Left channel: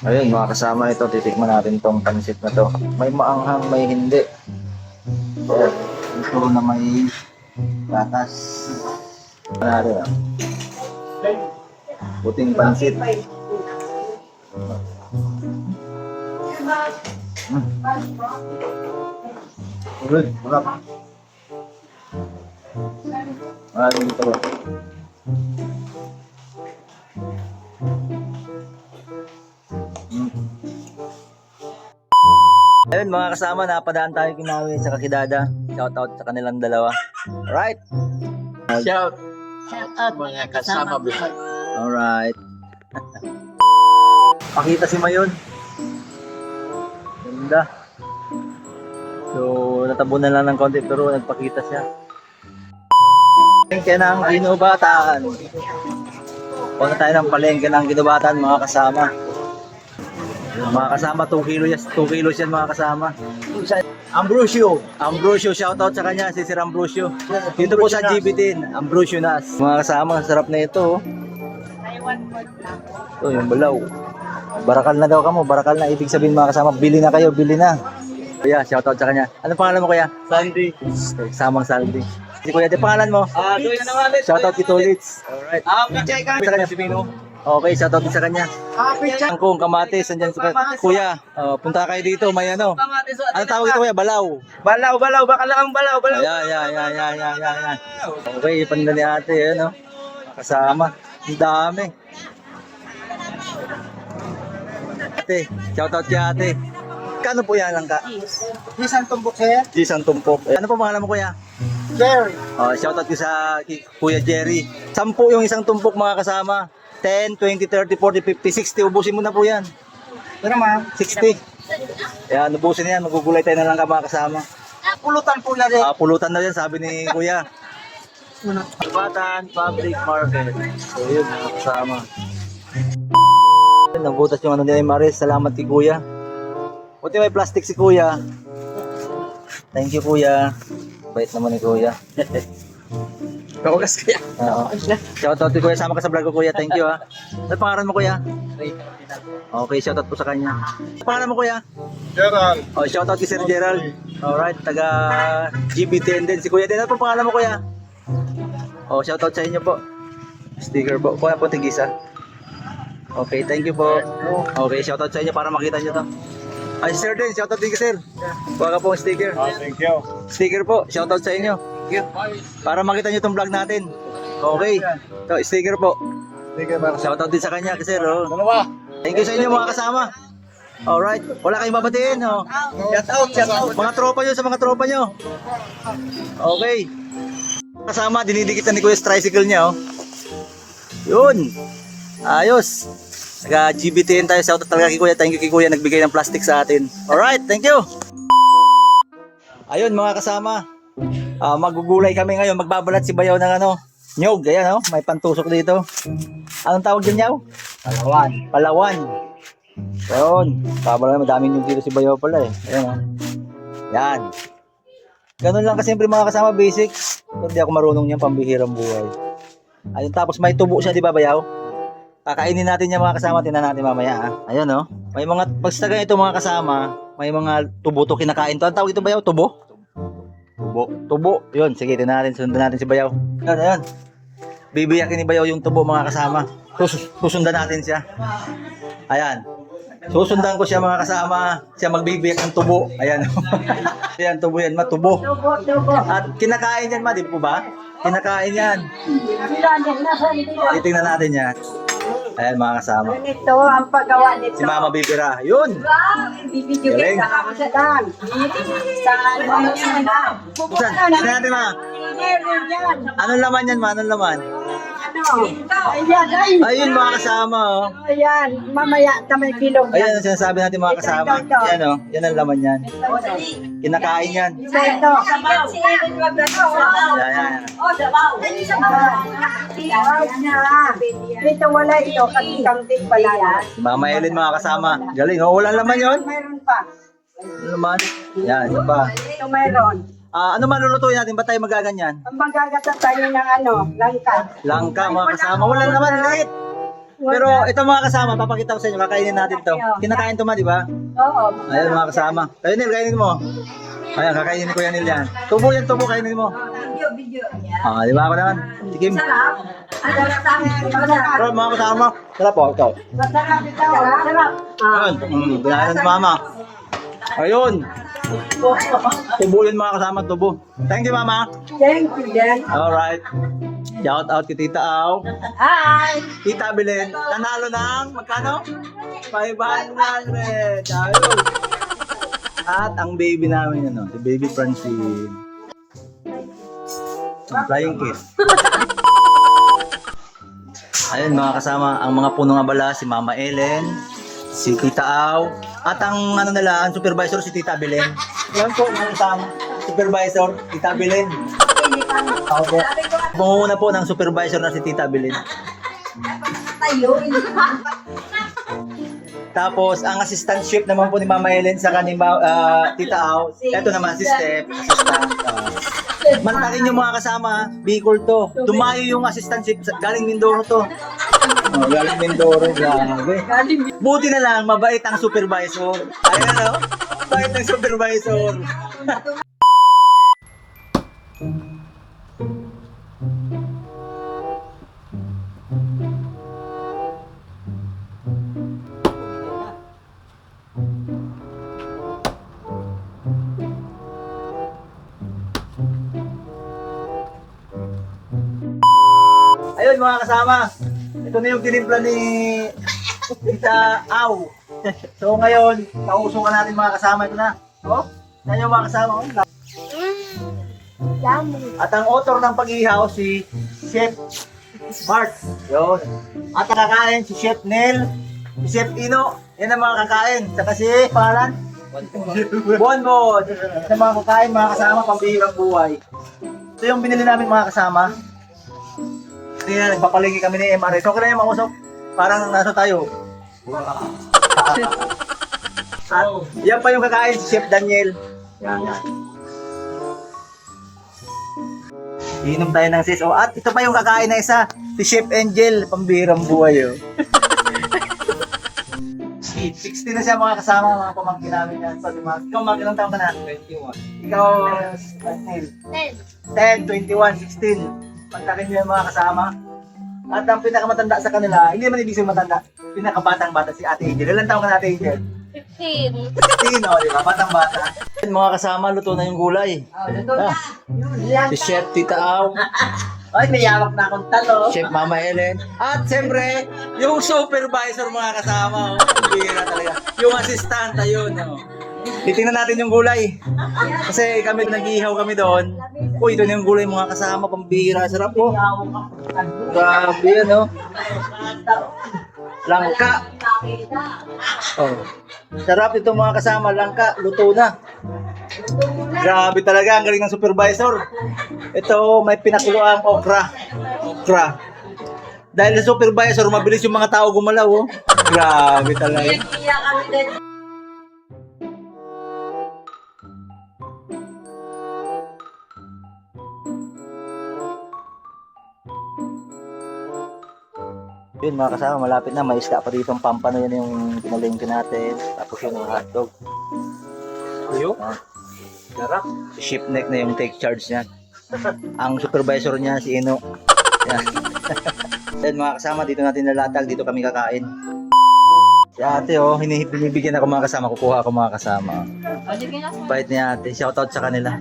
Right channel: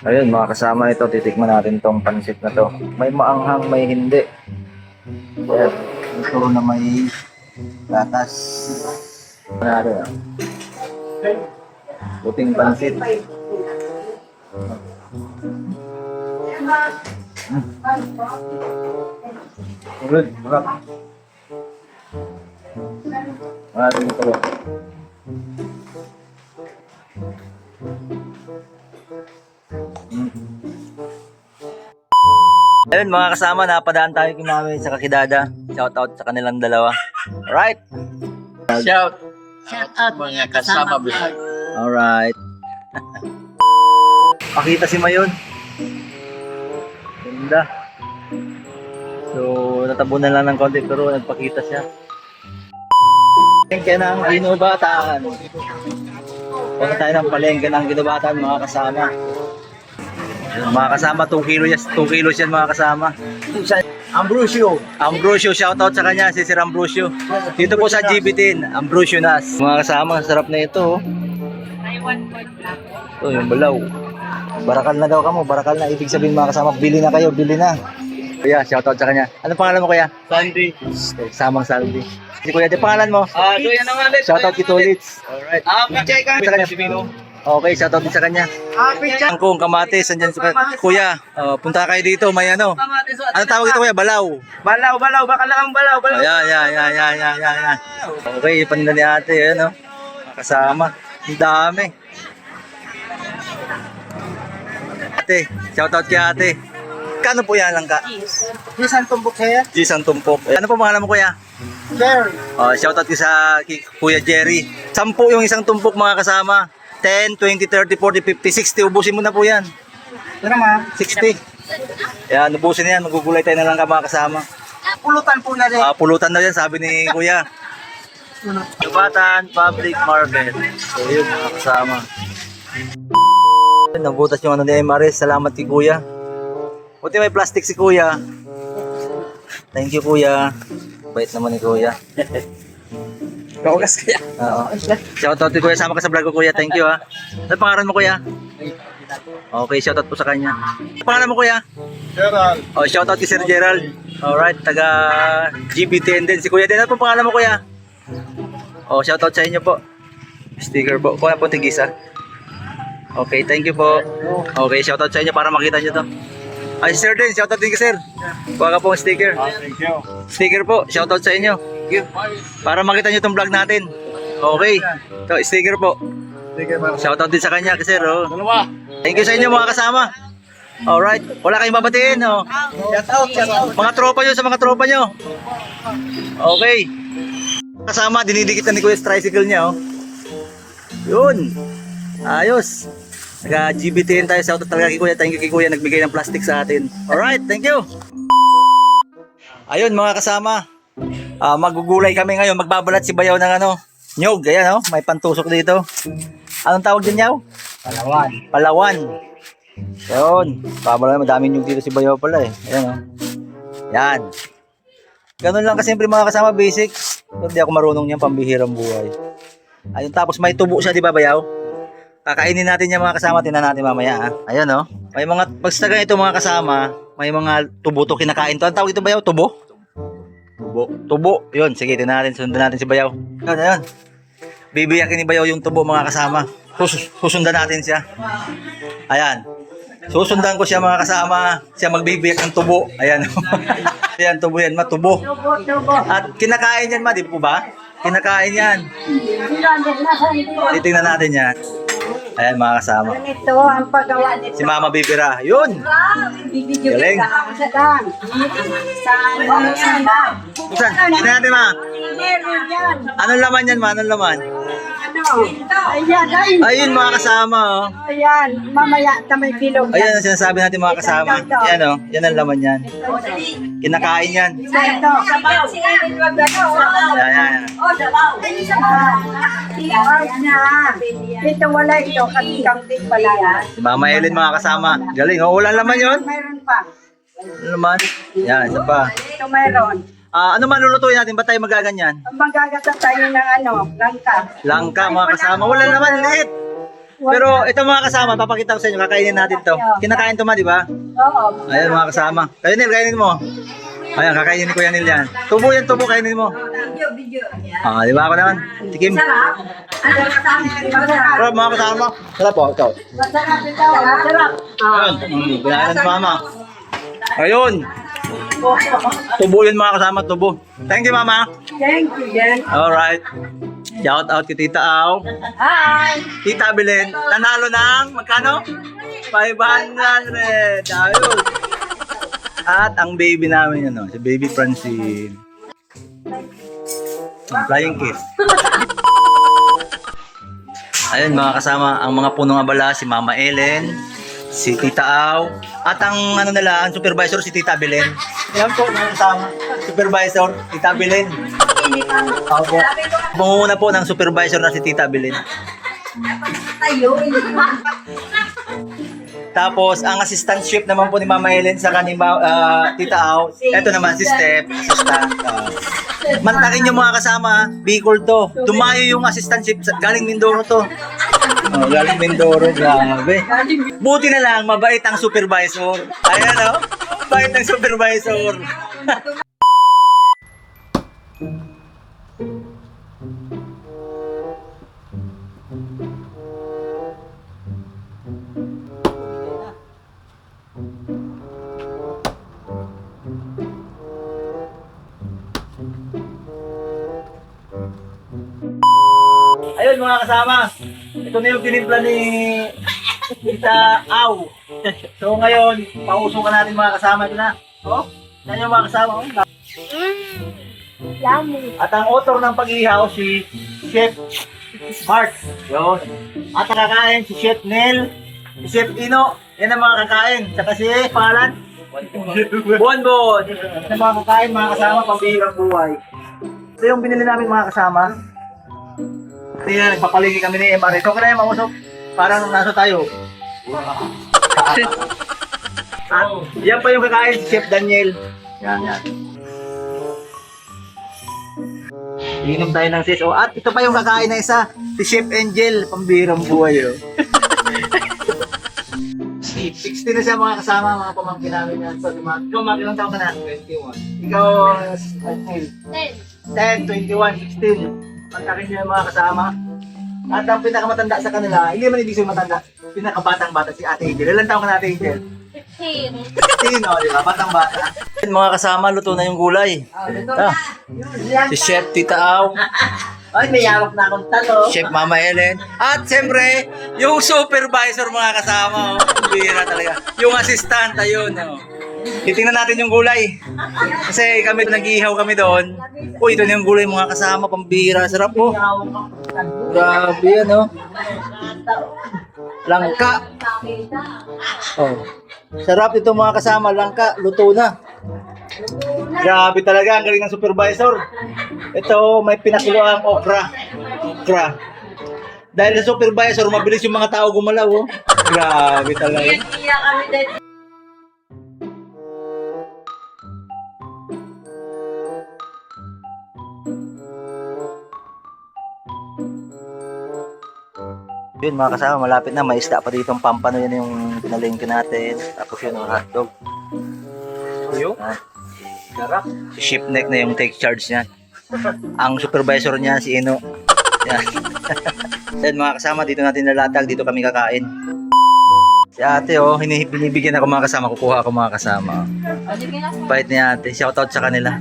Ayun mga kasama, ito titikman natin tong pansit na to. May maanghang, may hindi. Ayan. Ito na may gatas. Ano ah. Puting pansit. Ulod, marap. Maraming ito. Ayun mga kasama, napadaan tayo Kimawi sa Kakidada. Shout out sa kanilang dalawa. Alright. Shout out mga kasama vlog. Alright. Pakita si Mayon. Ganda. So, natabunan lang ng konti pero nagpakita siya. Palengke ng Ginubataan. Punta tayo ng palengke ng Ginubataan mga kasama. Mga kasama, 2 kilos yan mga kasama. Ambrosio, shoutout sa kanya, si Sir Ambrosio. Dito po sa GB10, Ambrosio Nas. Mga kasama, sarap na ito. Ito yung balaw. Barakal na daw kamo, barakal na. Ibig sabihin mga kasama, bili na kayo, bili na. Kuya, shoutout sa kanya. Ano pangalan mo kuya? Sandy. Samang Saldi. Si kuya, di pangalan mo? Doon naman ulit. Shoutout kito Litz. Alright. Pichay kami Sa kanya. si Pino. Okay, shoutout din sa kanya. Pichay. Angkong, kamatis, andyan kuya. Punta kayo dito, may ano. Ano tawag ito kuya? Balaw. Balaw, baka lang ang balaw. Ayan. Okay, panila ni ate, ayan o. Kasama. Ang dami. Ate, shoutout kay ate. Kano po yan lang ka? Isang tumbok hair. Gisang tumpok. Ano po pangalan mo kuya? Sir. Shoutout ko sa Kuya Jerry. 10 yung isang tumpok mga kasama. 10, 20, 30, 40, 50, 60. Ubusin mo na po yan. Pero ma, 60. Yan, ubusin na yan. Magugulay tayo na lang ka mga kasama. pulutan po na rin. Pulutan daw yan, sabi ni Kuya. Ginubataan Public Market. So yun mga kasama. Nabutas yung ano ni Maris. Salamat kay Kuya. Buti may plastic si Kuya. Thank you Kuya. Bait naman ni Kuya. Kaugas kaya. Oo. Shoutout kay Kuya. Sama ka sa vlog ko Kuya. Thank you ha. Ano pangalan mo Kuya? Okay, shoutout po sa kanya. Ano pangalan mo Kuya? Gerald. Shoutout kay Sir Gerald. Alright, taga GB10 din. Si Kuya din. Ano po pangalan mo Kuya? Shoutout sa inyo po. Sticker po. Kuya po tigisa. Okay, thank you po. Okay, shoutout sa inyo para makita nyo to. Ay, Sir din. Shoutout din kay Sir. Kuha ka po ang sticker. Thank you. Sticker po. Shoutout sa inyo. Para makita nyo itong vlog natin. Okay. Ito, sticker po. Sige, man. Shoutout din sa kanya kasi Dalawa. Thank you sa inyo mga kasama. Alright. Wala kayong babatiin. Shout out. Mga tropa nyo sa mga tropa nyo. Okay. Kasama, dinidikit na ni Kuya tricycle niya. Yun. Ayos. Naga GBTN tayo. Shoutout talaga kay Kuya. Thank you kay Kuya. Nagbigay ng plastic sa atin. Alright. Thank you. Ayun mga kasama. Magugulay kami ngayon. Magbabalat si Bayaw ng ano. Nyog. Ayan may pantusok dito. Anong tawag din yaw? Palawan. Yun. Babalat. Madaming nyog dito si Bayaw pala eh. Ayan Yan. Ganun lang kasimple mga kasama. Basic. Hindi ako marunong niyan. Pambihirang buhay. Ayun. Tapos may tubo siya di ba Bayaw? Kakainin natin yung mga kasama. Tinan natin mamaya Ayan May mga. Basta ganito mga kasama. May mga tubo to kinakain to. Ang tawag ito Bayaw? Tubo? Tubo. Yun, sige, tinan natin. Sundan natin si Bayaw. Yun. Bibiyakin ni Bayaw yung tubo mga kasama. Susundan natin siya. Ayan. Susundan ko siya mga kasama. Siya magbibiyak ng tubo. Ayan. Ayan, tubo yan. Matubo. At kinakain yan di po ba? Kinakain yan. Titingnan natin yan. Ayan mga kasama. Ito ang paggawa nito. Si Mama Bibira. Yun. Galing. Saan? Saan? Tingnan natin ma. Anong laman yan ma? Anong laman? Ayan. Ayun mga kasama Ayan. Mamaya tamay bilog. Ayan ang sinasabi natin mga kasama. Yan yan ang laman yan. Kinakain yan. Ito. Yan. Ito wala ito. Kasi kamting pala yan. Si Mama Ellen mga kasama. Galing. Ulan laman yun. Mayroon pa. Ano naman? Yan, isa pa. Ito mayroon. Ano man lulutuin natin? Ba't tayo magaganyan? Magagata tayo ng langka. Langka mga kasama. Wala naman. Liit. Pero ito mga kasama, papakita ko sa inyo, kakainin natin to. Kinakain to ma, di ba? Oo. Ayan mga kasama. Kayo Nil, kainin mo. Ayan, kakainin ni Kuya Nil yan. Tubo yan, tubo, kainin mo. Video. Ah, di ba ako naman? Tikim. Sarap. Masarap. Sarap mga kasama. Sarap po, ikaw. Masarap ito. Masarap. Ayun, binayaran si mama. Ayun. Tubo yun mga kasama, tubo. Thank you mama. Thank you, Dan. Alright. Shout out kay Tita Au. Hi. Tita Belen, nanalo ng magkano? 500. Ayun. At ang baby namin, ano, si Baby Francine. Flying kiss. Ayun mga kasama, ang mga punong abala, si Mama Ellen, si Tita Au, at ang ano nila, ang supervisor si Tita Belen. Yan po, mga kasama. Supervisor, Tita Belen. Opo. Pangunguna po ng supervisor na si Tita Belen. Tapos, ang assistantship naman po ni Mama Ellen sa kanima Tita Au. Ito naman si Steph. Assistant. Mantakin yung mga kasama, Bicol to. Tumayo yung assistantship, galing Mindoro to. Oh, galing Mindoro, grabe. Buti na lang, mabait ang supervisor. Ayan o, mabait ang supervisor. Ayun mga kasama, ito na yung tinimpla ni Tita Au. So ngayon, pausukan natin mga kasama. Ito na. Oh, yan yung mga kasama. Oh. At ang author ng pag-ihaw si Chef Mark. Yun. At ang kakain si Chef Nel, si Chef Ino. Yan ang mga kakain. Saka si pangalan? Bonbon. Yan ang mga kakain mga kasama, pambihirang buhay. Ito yung binili namin mga kasama. Tingnan, nagpapaligi kami ni MR. Ikaw ka na yung mausok. Parang nasa tayo. At yan pa yung kakain si Chef Daniel. Yan. Inom tayo ng sis. At ito pa yung kakain na isa. Si Chef Angel. Pambihirang buhay. 16 na siya mga kasama, mga pamangkin namin yan. Ikaw, Mark, ilang taon ka na? 21. Ikaw, Daniel? 10, 21, 16. Pagkakin nyo yung mga kasama. At ang pinakamatanda sa kanila, hindi naman ibig sabihin matanda, pinakabatang bata si Ate Angel. Ilan taon ka na Ate Angel? 15. 15, o, di ba? Batang bata. Mga kasama, luto na yung gulay. Si Chef Tita Au, Ay, may yawak na akong talo. Chef Mama Ellen, at siyempre, yung supervisor mga kasama. Bira talaga. Yung assistant, ayun. Titingnan natin yung gulay. Kasi kami, nag-iihaw kami doon. Uy, ito na yung gulay mga kasama, pambira. Sarap po. Grabe yan, oh. Langka. Oh. Sarap ito mga kasama, langka. Luto na. Grabe talaga, ang galing ng supervisor. Ito, may pinakuloang okra. Okra. Dahil sa supervisor, mabilis yung mga tao gumalaw, oh. Grabe talaga. Iya kami din. Yun mga kasama, malapit na, may isda pa dito ang pampano, yan yung pinalengke natin. Tapos yun, hotdog. Yun? Garap. Si ship neck na yung take charge niya. Ang supervisor niya, si Ino. Yan. Then mga kasama, dito natin nalatag, dito kami kakain. Si ate, oh, binibigyan ako mga kasama, kukuha ako mga kasama. Bait ni ate, shoutout sa kanila.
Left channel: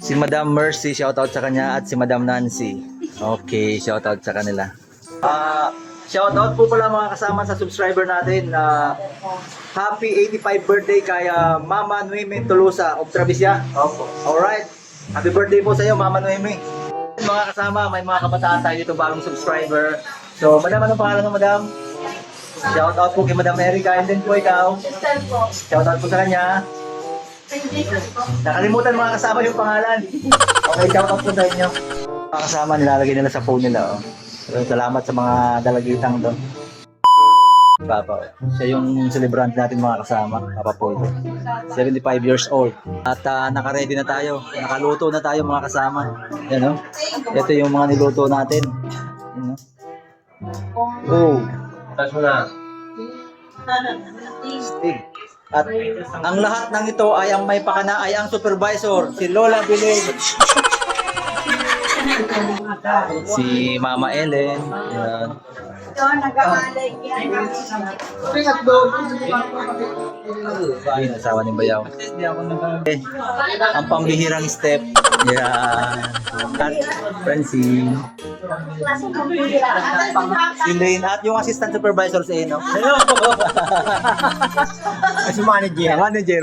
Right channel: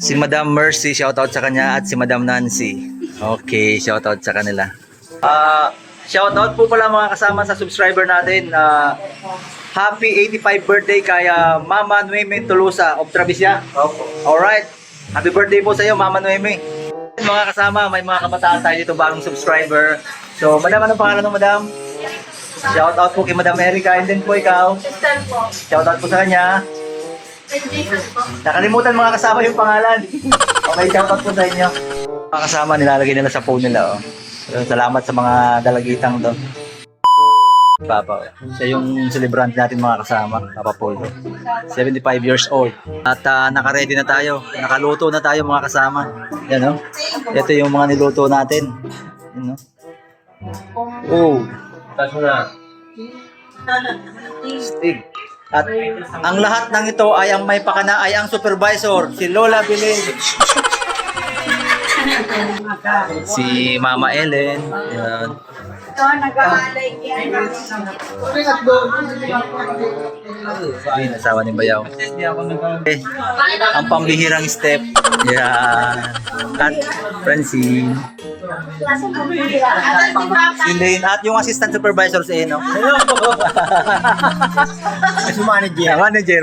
Si Madam Mercy, shoutout sa kanya, at si Madam Nancy. Okay, shoutout sa kanila. Shoutout po pala mga kasama sa subscriber natin. Happy 85 birthday kay Mama Noemi Tolosa of Travisia. Alright. Happy birthday po sa iyo, Mama Noemi. Mga kasama, may mga kabataan tayo dito, bagong subscriber. So, madam, anong pangalan ng madam? Shoutout po kay Madam Erica, and then po ikaw. Shoutout po sa kanya. Nakalimutan mga kasama yung pangalan. Okay, shoutout po sa inyo. Mga kasama, nilalagay nila sa phone nila. Oh. So, salamat sa mga dalagitang to. Papa, siya yung celebrant natin mga kasama, Papa Polo. 75 years old. At naka-ready na tayo. Nakaluto na tayo mga kasama. Yan, no? Ito yung mga niluto natin. Yan, no? Oh, Stig. At ang lahat ng ito ay ang may pakana ay ang supervisor, si Lola Bilig. Si Mama Ellen. Yan. Ito, nag-aalay yan. Ayun, asawa ni Bayaw. Okay. Ang pambihirang step. Yan. At Francine. Si Lane at yung assistant supervisor sa Eno. Si manager. Manager.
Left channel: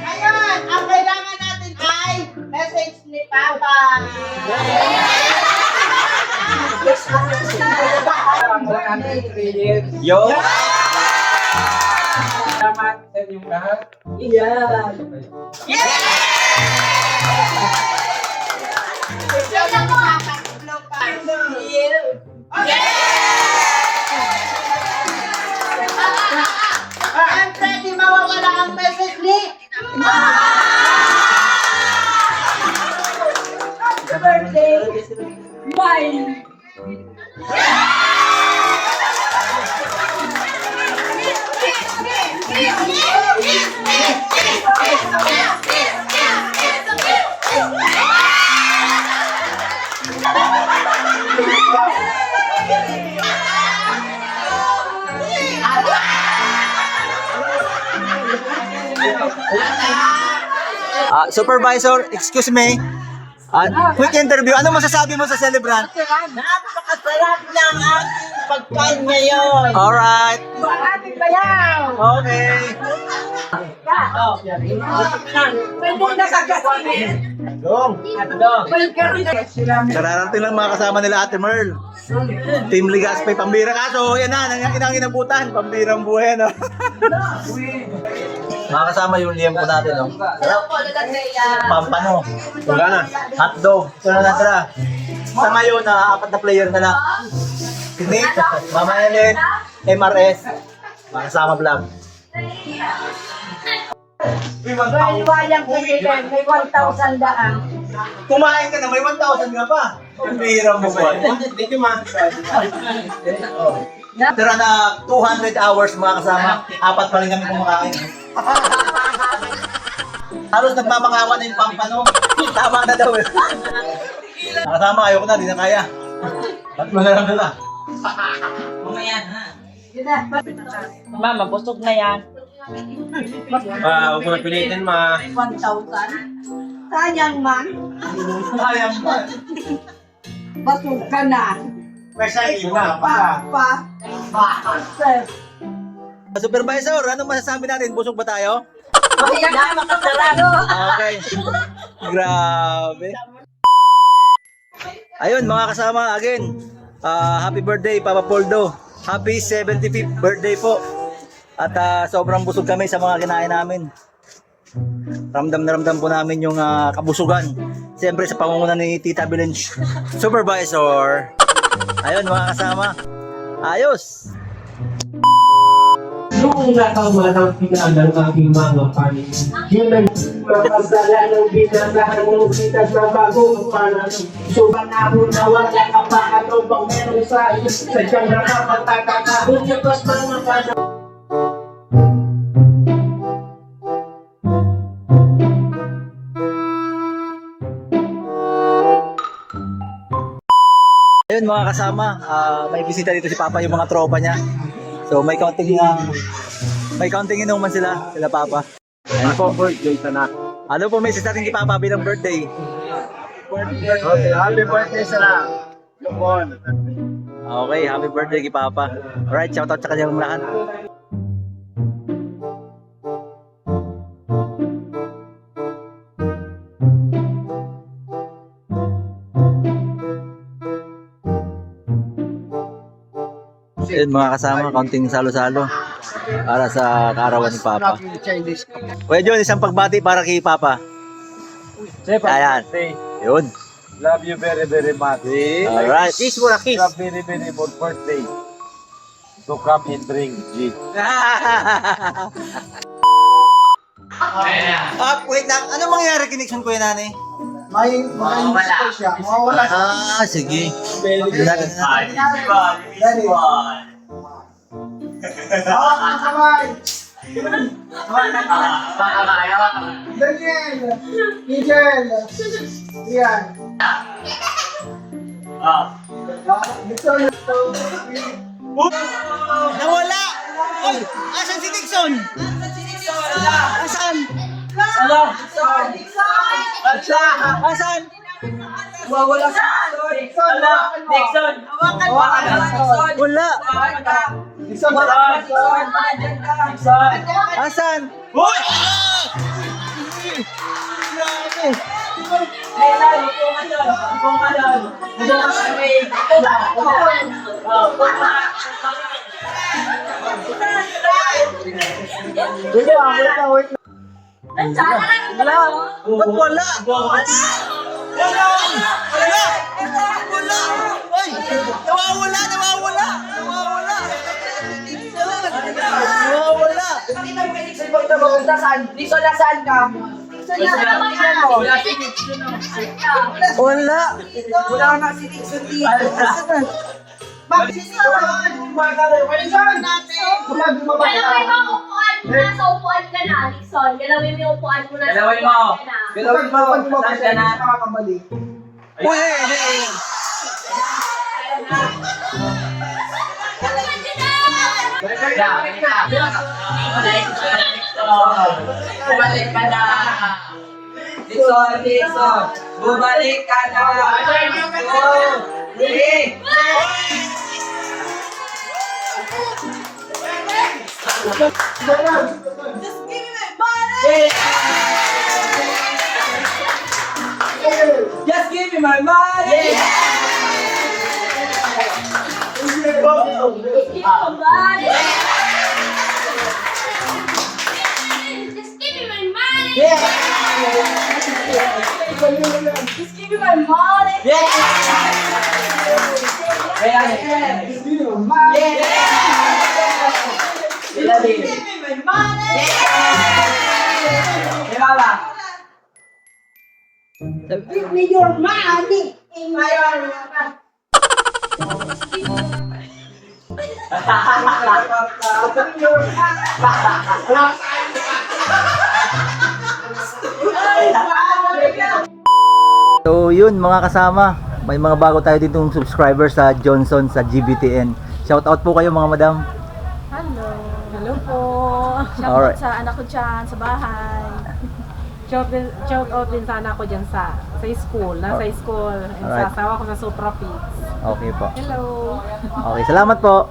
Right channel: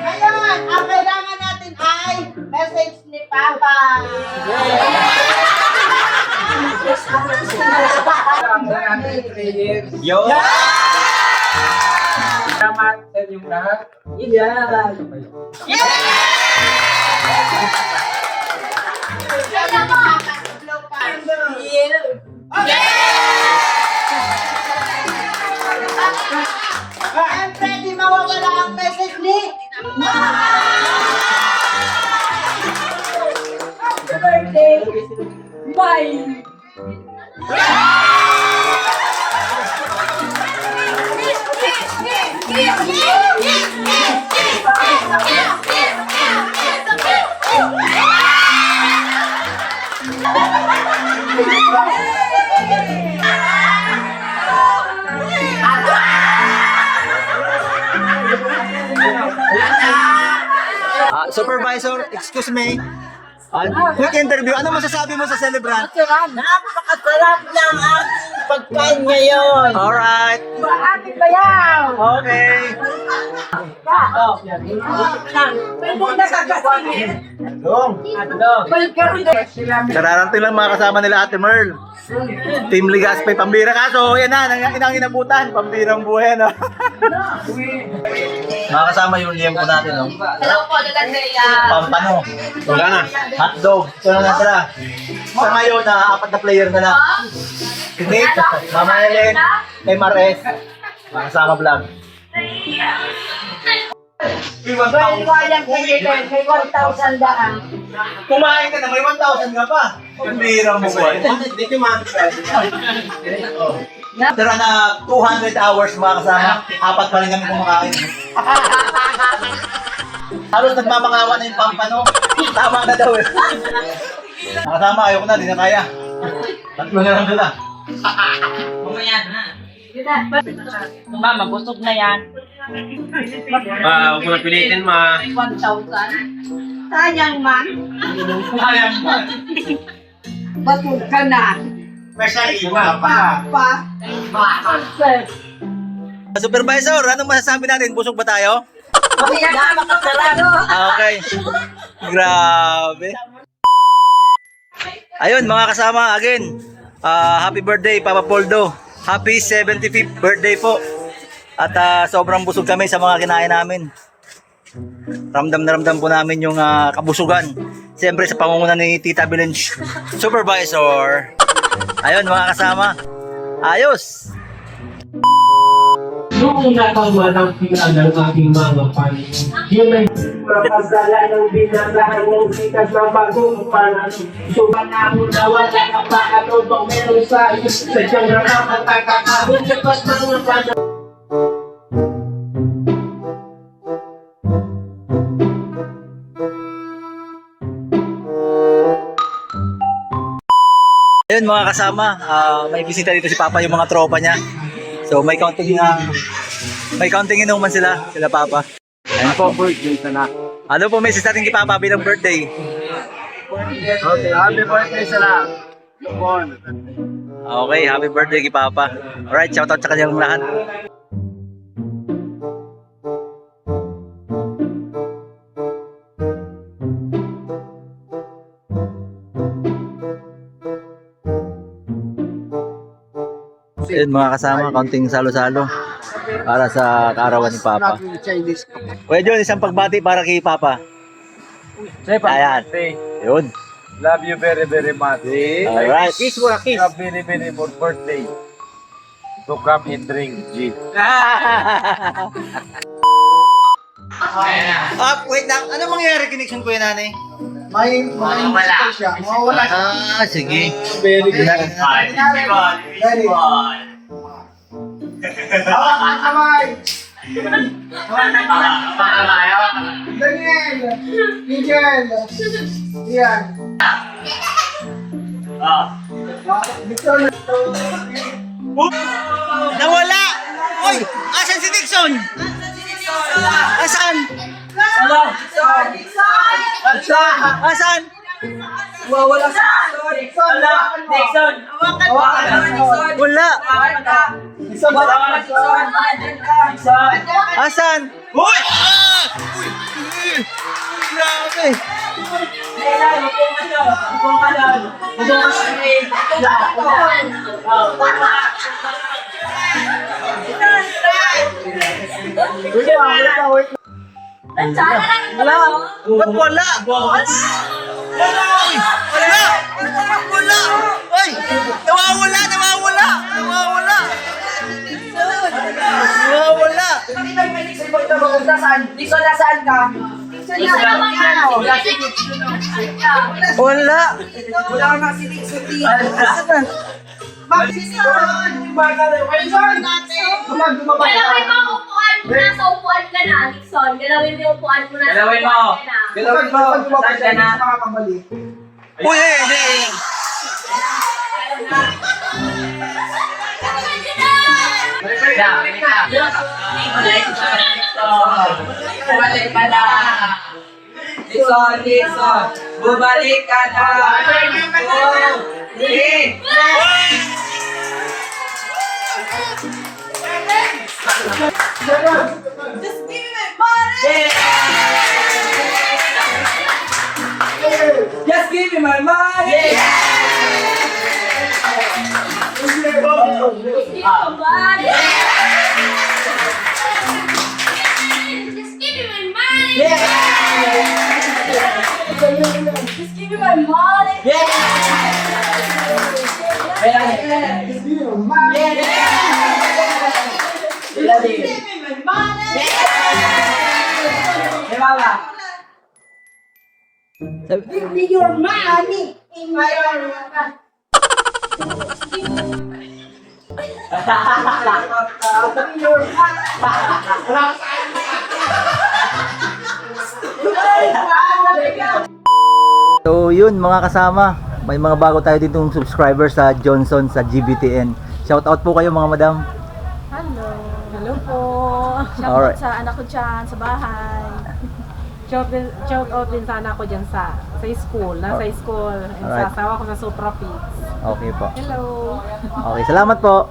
Ngayon, ang kailangan natin ay message ni Papa. Yo! Salamat sa inyong lahat. Siyempre, di mawawala ang message ni Happy birthday! Bye! Supervisor, excuse me. Quick interview. Ano masasabi mo sa celebrant? Napakasarap ng ating pagkain ngayon! Alright. Ating bayaw! Okay. Pwede nakagasin! Kararating lang mga kasama nila Ate Merl. Team Ligaspay, pambira kaso. Yan na, inang inabutan. Pambirang buhay na. Mga kasama yung liyem ko natin. No? Hello po, Nagandaya! Pampano. Wala na. Hotdog. Ito na natira. Sa ngayon, apat na player na lang. Si Nick, Mama Ellen, MRS, mga kasama vlog. Wayang kayo may 1,000 daan. Kumain ka na, may 1,000 nga pa. Pambira mo po. Thank you, ma. Tira na 200 hours mga kasama. Apat pa rin kami kumakain. Halos nagmamangawa na yung pampano. Tama na daw eh. Mga kasama, ayoko na, di na kaya. Tatlo na lang nila. Mama, busog na yan. Huwag mo na pilitin, ma. 1,000. Sayang man. Sayang pa. Busog ka na. Kasi iba pa. Supervisor, anong masasabi natin? Busog ba tayo? Okay. Grabe. Ayun mga kasama, again. Happy birthday Papa Poldo. Happy 75th birthday po. At sobrang busog kami sa mga kinain namin. Ramdam na ramdam po namin yung kabusugan. Siyempre sa pangunguna ni Tita Belen Supervisor. Ayun mga kasama. Ayos. Noong natama ng pinal ng aking mga panin, yun ay mapagdala ng binasahan ng sitas na bagong panan. Sumanahon na wala ka pa ano bang meron sa iyo, sadyang nakapagkakahon sa pas mga panan. Ayun mga kasama, may bisita dito si Papa yung mga tropa niya. So may counting inuman sila Papa. Ayun po. Ano po may sisating kay Papa bilang birthday? Okay, happy birthday sila. Okay, happy birthday kay Papa. Alright, shoutout sa kanyang lahat. Ayun mga kasama, kaunting salo-salo para sa kaarawan ni Papa. Kuya John, isang pagbati para kay Papa. Ayan. Yun. Love you very, very much. Alright. Kiss mo na, kiss. Love very, very for birthday. To come and drink, G. Wait lang. Ano mangyari connection ko yun, nanay? May musical siya. Mawawala siya. Sige. Very good. Hawak ang kamay. Daniel. Miguel. Ian. Victor. Nawala! Oy! Asan si Dixon? Asan? Asan? Mawawala sa Dixon. Wala! Dixon. Asan? Uy! Uy! Grabe! Ba't wala? Uy! Wala! Wala! Uy! Nawawala! Nawawala! Nawawala! Nawawala! Dixon, nasaan ka? Wala! Wala ko na si Dixon dito. Mag-Dixon! Galawin mo ang upuan mo. Nasa upuan ka na, Nixon. Galawin mo yung upuan mo. Nasa Galawin mo. upuan ka na. Galawin mo. Saan ka na? Uy! Hey! Bumalik ka na! Dixon, Dixon! Bumalik ka na! Oh, sige! Just give me my money! Hindi ko ba? Just give me my money. Just give me my money. Give me your money in my So yun mga kasama, may mga bago tayo ditong subscriber sa Johnson sa GBTN. Shout out po kayo mga madam. Hello. Hello po. Shout Alright. out sa anak ko dyan sa bahay. Shout out din sa anak ko dyan sa school. Nasa school. And Alright. sa asawa ko sa Supra Pigs. Okay po. Hello. Okay, salamat po.